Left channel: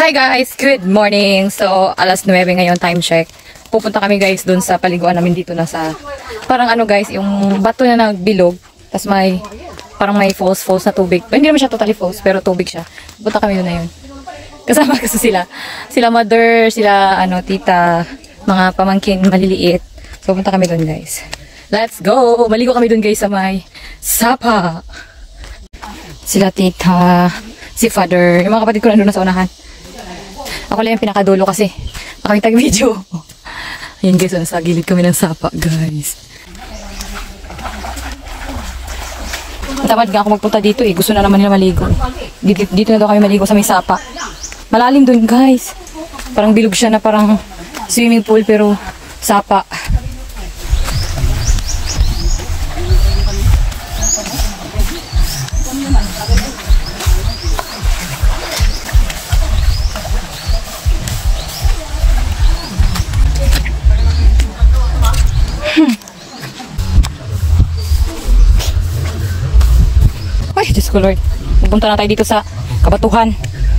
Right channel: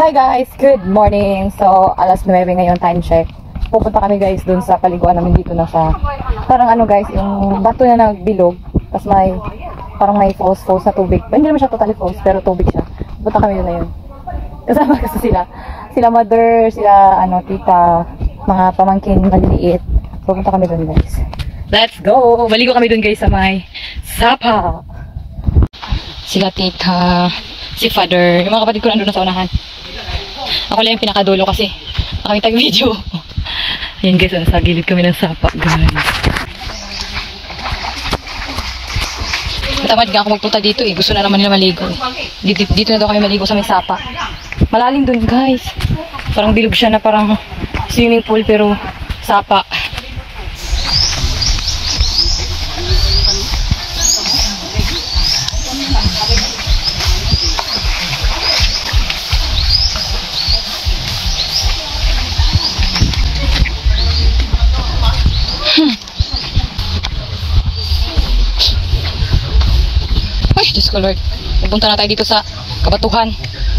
Hi guys! Good morning! So, alas 9 ngayon, time check. Pupunta kami guys dun sa paliguan namin dito na sa, parang ano guys, yung bato na nagbilog. Tapos may, parang may falls na tubig. Hindi naman siya totally falls, pero tubig siya. Pupunta kami dun na yun. Kasama kasi sila mother, sila ano, tita, mga pamangkin maliliit. So, pupunta kami dun guys. Let's go! Maligo kami dun guys sa may sapa. Sila tita, si father, yung mga kapatid ko nandun na sa unahan. Ako lang yung pinakadulo kasi nakakita video. Ayan guys, nasa gilid kami ng sapa guys. Matamad nga ako magpunta dito eh. Gusto na naman nila maligo. Dito na daw kami maligo sa may sapa. Malalim dun guys. Parang bilog siya na parang swimming pool pero sapa. Ay, Diyos ko Lord. Pupunta na tayo dito sa Kabatuhan.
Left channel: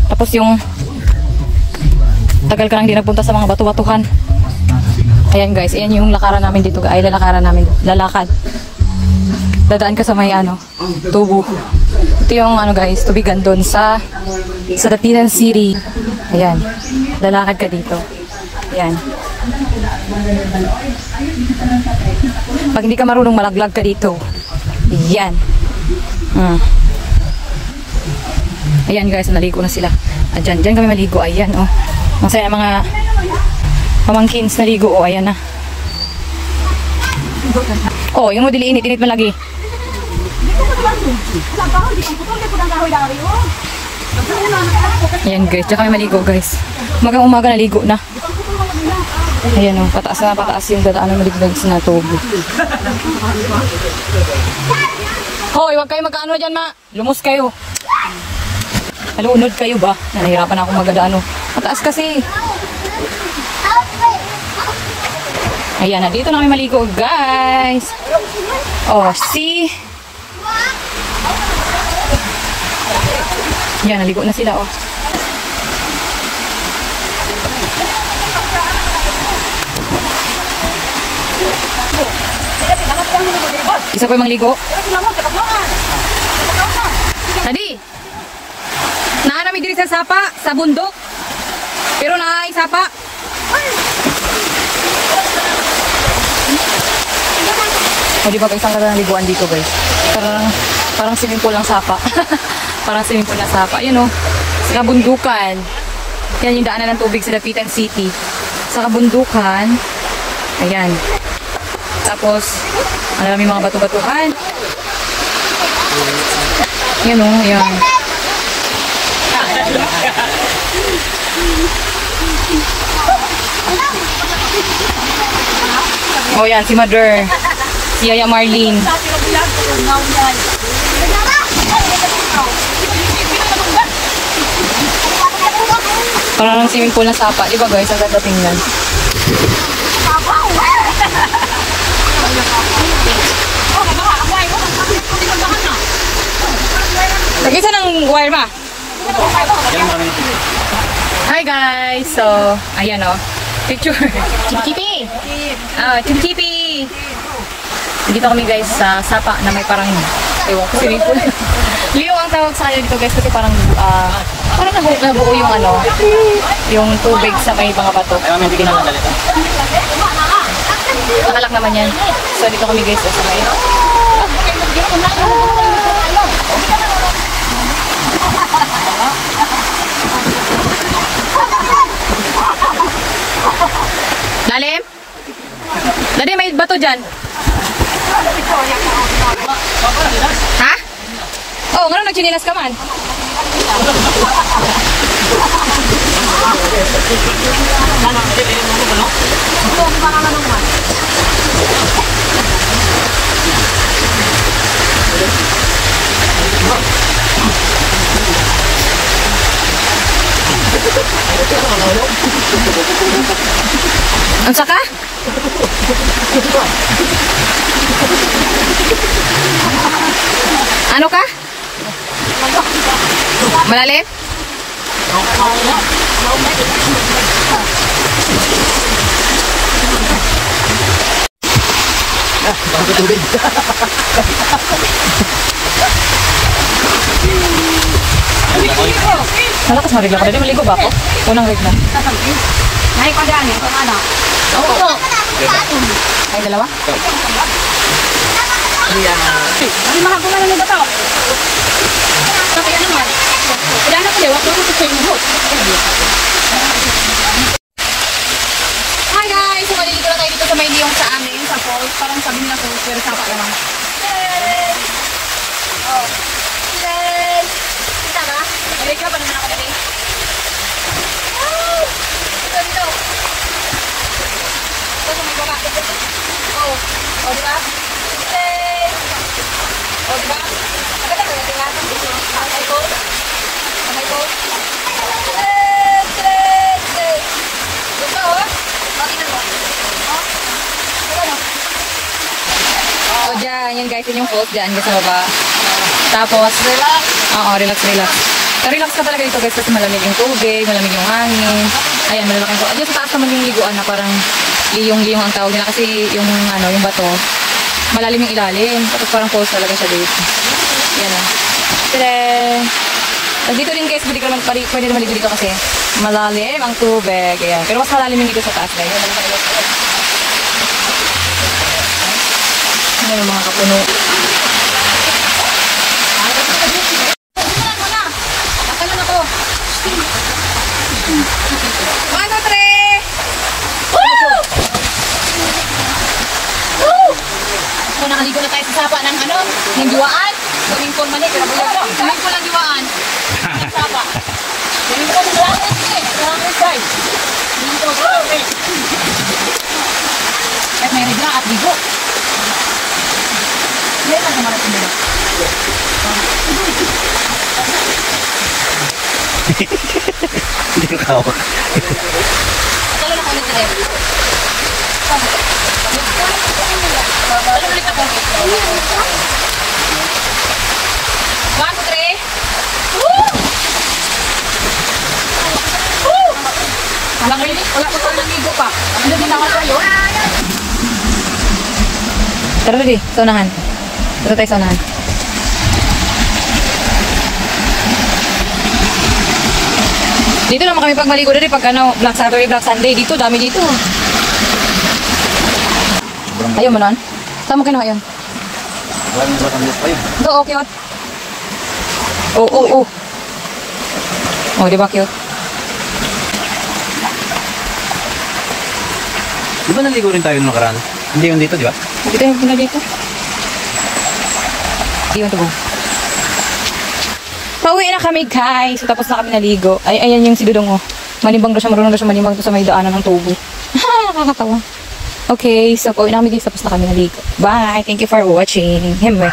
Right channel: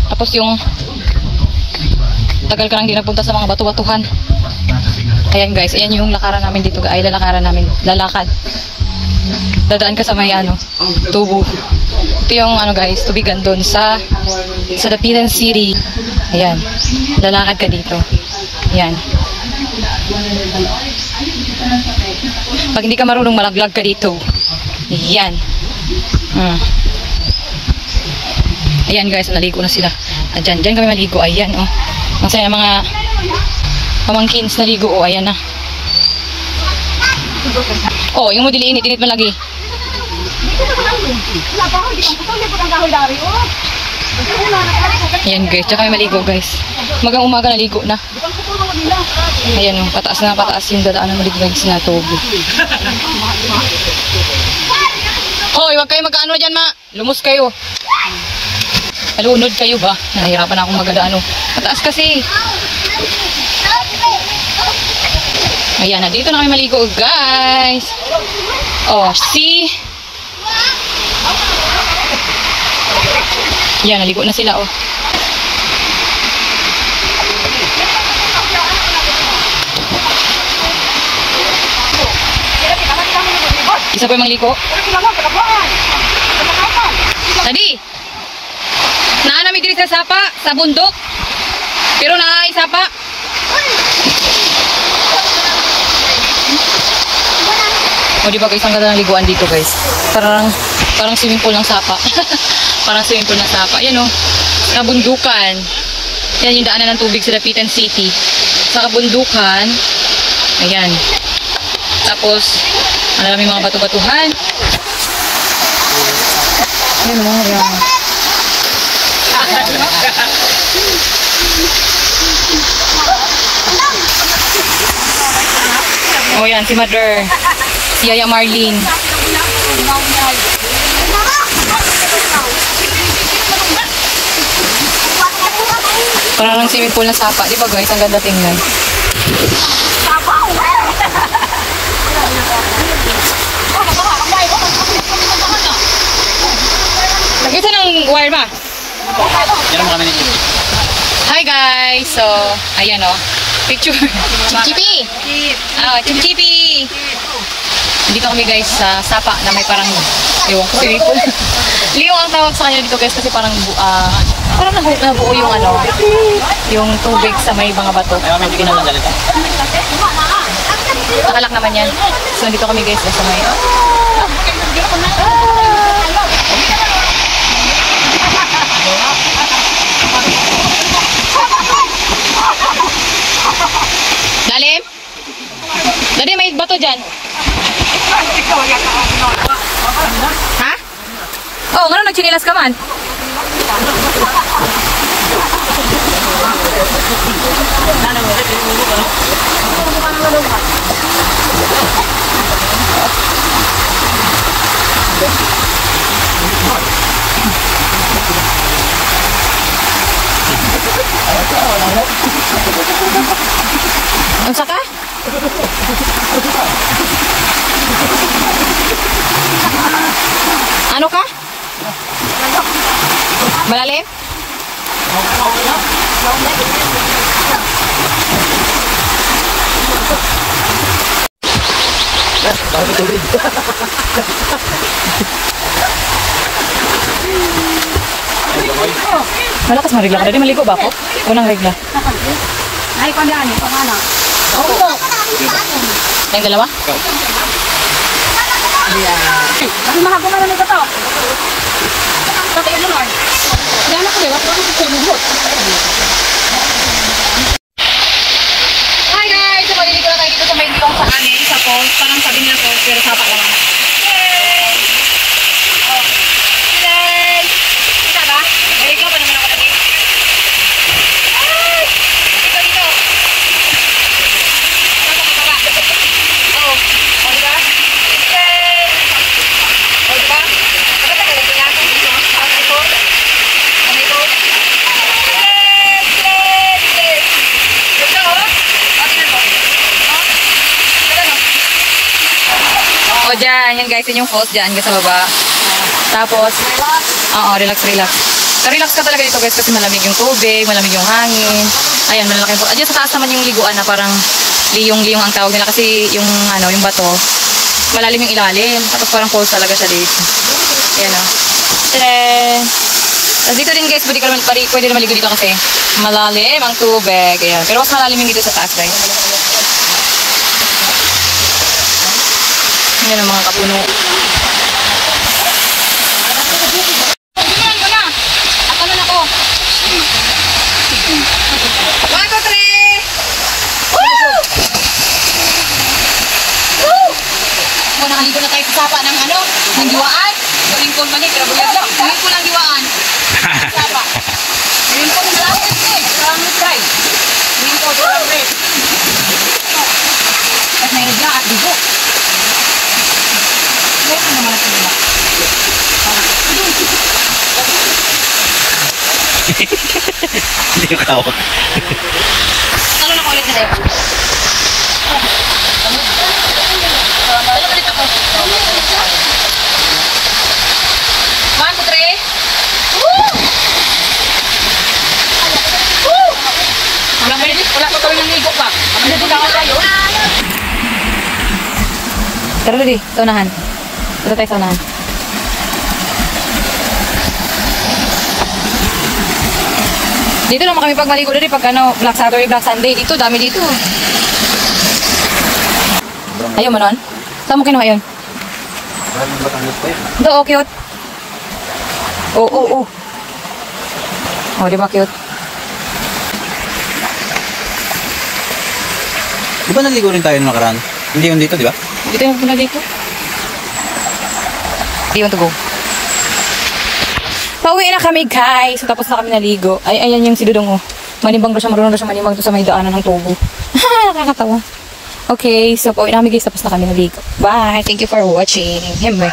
Tapos yung tagal ka nang di nagpunta sa mga batu-batuhan. Ayan guys, ayan yung lakaran namin dito. Ay, lalakaran namin. Lalakad. Dadaan ka sa may ano, tubo. Ito yung ano guys, tubigan doon sa Dapitan City. Ayan. Lalakad ka dito. Ayan. Pag hindi ka marunong malaglag ka dito. Ayan. Ayan guys, naligo na sila. Diyan kami maligo. Ayan oh. Masaya mga pamangkins naligo. Oh, ayan na. Oh, yung modili init mo lagi. Ayan guys, diyan kami maligo guys. Umagang umaga naligo na. Ayan oh, pataas na pataas yung dadaanan mo dito guys na tubo. Hoy, wag kayo magkaano dyan ma. Lumos kayo. Alunod kayo ba? Nahihirapan akong magadaan. Mataas kasi. Ayan na, dito na kami maligo guys. Oh, see? Ayan, naligo na sila oh. Isa pa yung maligo. Tadi, naanami diri sa sapa, sa bundok. Pero naay sapa. O diba guys, ang ganda ng liguan dito guys. Parang swimming pool ng sapa. Parang swimming pool ng sapa. Ayan o, sa kabundukan. Yan yung daanan ng tubig sa Dapitan City. Sa kabundukan. Ayan. Tapos, ang dami mga batu-batuhan. Ayan o, ayan. O yan, si Mother. Si Yaya Marlene. Parang swimming pool na sapa. Diba guys, ang ganda tingnan. Nag-isa ng wire ma? Hi guys! So, ayan o. Picture. Chip-chipi! Chip-chipi! Dito kami guys sa sapa na may parang ewan ko, swimming pool. Liyong ang tawag sa kanya dito guys kasi parang parang nabuo yung ano, yung tubig sa may mga bato. Nakalak naman yan. So, dito kami guys sa may Lalim? Dali, may bato dyan. Ha? Oh, nga nagchinilas ka man. Ang saka? Ano ka? Malalim? Malakas na regla ka. Dali maligo ba ako? Unang regla. Naik pa dyan eh, kung ano. Oo. Tayong dalawa? Dali mga gumana nito to. Kaya naman. Kaya na ko, wag ko sa lubot. Hi guys! So, maliligo na tayo dito sa may liyong sa amin, sa falls. Parang sabi nila falls, pero sapa lang. Hey! Oh. Hey! Kita ka? Maliligo pa naman ako lagi. Hey! Dito, dito. Ito sa may baba. Oh. Oh, diba? Hey! Oh, diba? Nakata ka lagi nga. May falls. May falls. Hey! Hey! Hey! Gusto mo ba? O dyan, yan guys, yun yung falls dyan, sa baba. Tapos, relax. Oo, relax, relax. Relax ka talaga dito guys kasi malamig yung tubig, malamig yung hangin. Ayan, malalaki yung dyan sa taas naman yung liguan na parang liyong-liyong ang tawag nila kasi yung ano, yung bato. Malalim yung ilalim. Tapos parang falls talaga siya dito. Ayan o. Tapos dito din guys, pwede na maligo dito kasi malalim ang tubig. Ayan. Pero mas malalim yung dito sa taas guys. Ayan ang mga kapuno. Simulan mo na! At ano na ko? 1, 2, 3! Woo! Woo! Kung nakaligo na tayo sa sapa ng ano, ng diwaan. Swimming pool mali, pero buyag na. Swimming pool ang diwaan. Sapa. Swimming pool na lang. Maraming guys. Swimming pool na lang. At may regla at bigo. Hindi ko kawak. Talo na ko ulit na talo ulit ako. 1, 2, 3. Woo! Woo! Wala pa kami ng ligo pa. Wala din ako tayo. Tara dali, sa unahan. Tara tayo sa unahan. Dito naman kami pag maligo dali pag ano, Black Saturday, Black Sunday. Dito, dami dito. Ayaw mo nun? Saan mo kinuha yun? Ito, oh, cute. Oh, oh, oh. Oh, di ba cute? Di ba naligo rin tayo nung nakaraan? Hindi yun dito, di ba? Dito yung pinagay ko. Do you want to go? Pauwi na kami guys. Tapos na kami naligo. Ay, ayun yung si Dudong oh. Manimbang doon siya, marunong doon siya manimbang doon sa may daanan ng tubo. Nakakatawa. Okay, so pauwi na kami guys. Tapos na kami naligo. Bye! Thank you for watching. Himbe.